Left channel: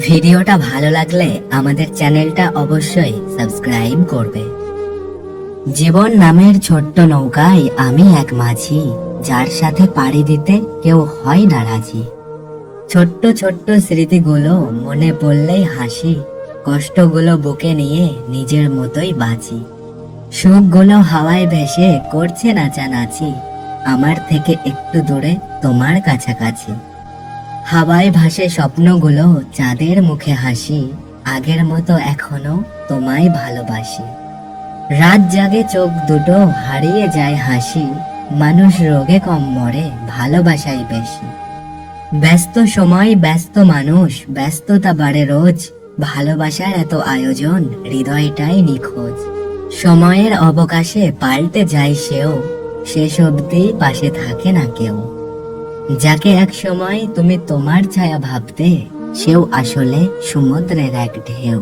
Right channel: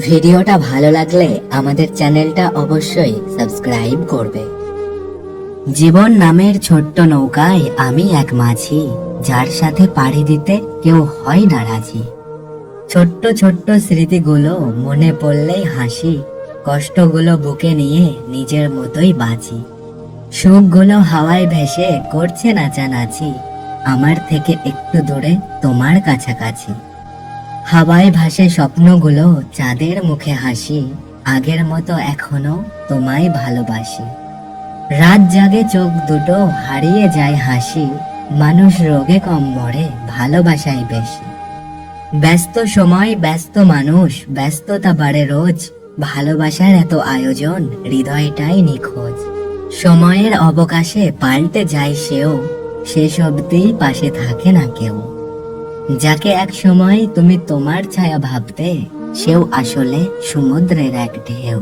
ভিডিওটা ভালো লাগলে আমাদের চ্যানেলটা অবশ্যই সাবস্ক্রাইব করবে। জীবন নামের ছোট্ট নৌকায় আমি এক মাঝি, যার সাথে পাড়ি দিতে কেউ হয় না রাজি। ছোট্ট ছোট্ট স্মৃতিগুলো মনে পড়লেই হাসি, কষ্টগুলো বুকে নিয়ে নিজের মতোই বাঁচি। সুখগুলো হাওয়ায় ভেসে করছে নাচানাচি, আমার থেকে একটু দূরে তোমার কাছাকাছি। হাওয়ায় ভাসে স্বপ্নগুলো, চাঁদের মুখে হাসি, আগের মতো এখনো তোমায় ভালোবাসি। রাত জাগে চোখ দুটো, হারিয়ে যায় হাসি, মানুষ রোগে কম মরে, ভালোবাসাই বেশি। ব্যস্ত সময় ব্যস্ত মানুষ, ব্যস্ততা বাড়ে রোজ, ভালোবাসার এত আয়োজন, হৃদয়টাই নিখোঁজ। সময়ের অবকাশে পাল্টে যায় সেও, শেষ অবধি পাশে থাকে না কেউ। যাকে এক সময় তুমি তোমার ছায়া ভাবতে, সেও আসলে সমুদ্রের এক ঢেউ।